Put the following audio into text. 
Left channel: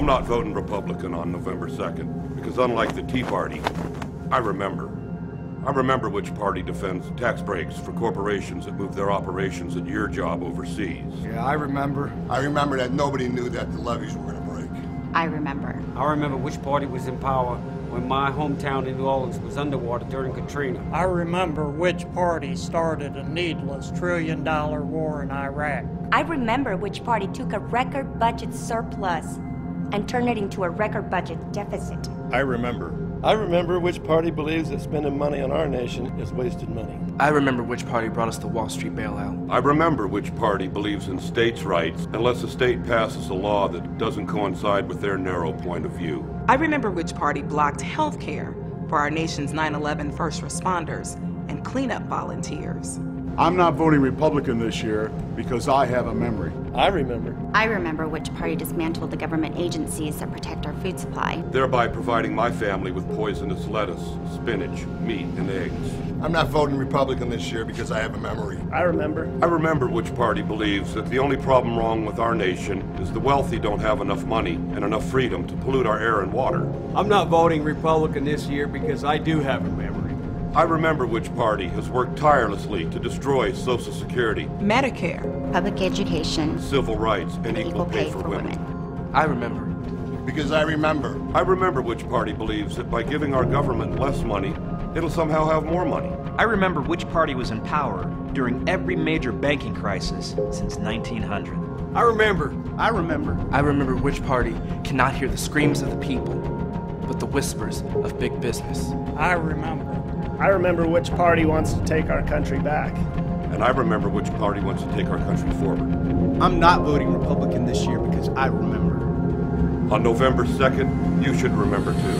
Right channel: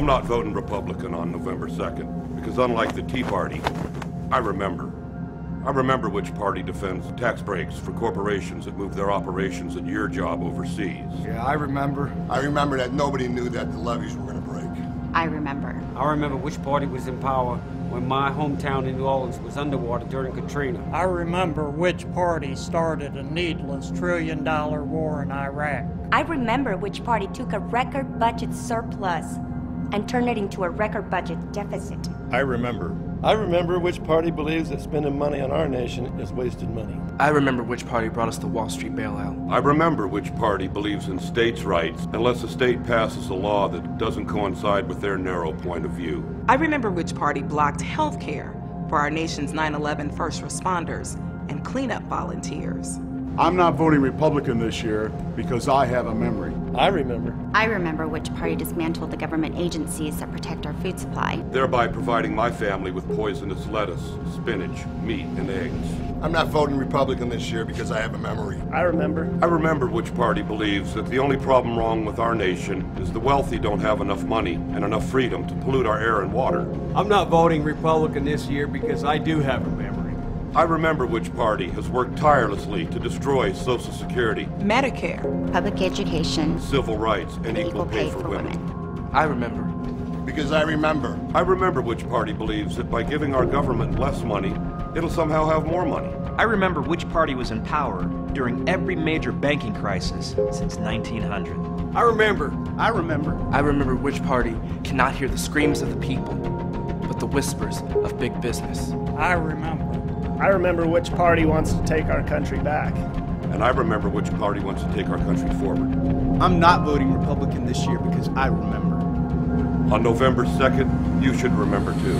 I'm not voting Republican on November 2nd, because unlike the Tea Party, I remember. I remember which party defends tax breaks for corporations that move their operations and your job overseas. Yeah, I remember. I remember that nobody knew that the levees were going to break. I remember. I remember which party was in power when my hometown in New Orleans was underwater during Katrina. I remember which party started a needless trillion-dollar war in Iraq. I remember which party took a record budget surplus and turned it into a record budget deficit. I remember. I remember which party believes that spending money on our nation is wasted money. I remember which party brought us the Wall Street Bailout. I remember which party believes in states' rights unless a state passes a law that doesn't coincide with their narrow point of view. I remember which party blocked health care for our nation's 9/11 first responders and cleanup volunteers. I'm not voting Republican this year because I have a memory. I remember. I remember which party dismantled the government agencies that protect our food supply. Thereby providing my family with poisonous lettuce, spinach, meat, and eggs. I'm not voting Republican this year because I have a memory. I remember. I remember which party believes that the only problem wrong with our nation is the wealthy don't have enough money and enough freedom to pollute our air and water. I'm not voting Republican this year because I do have a memory. I remember which party has worked tirelessly to destroy Social Security, Medicare, Public education, civil rights, and equal pay for women. I remember. Because I remember. I remember which party believes that by giving our government less money, it'll somehow have more money. I remember which party was in power during every major banking crisis since 1900. I remember. I remember. I remember which party cannot hear the screams of the people, but the whispers of big business. I remember. I remember which party wants to take our country back. And I remember which party wants to take our country forward. I'm not voting Republican this year because I remember. On November 2nd, you should remember too.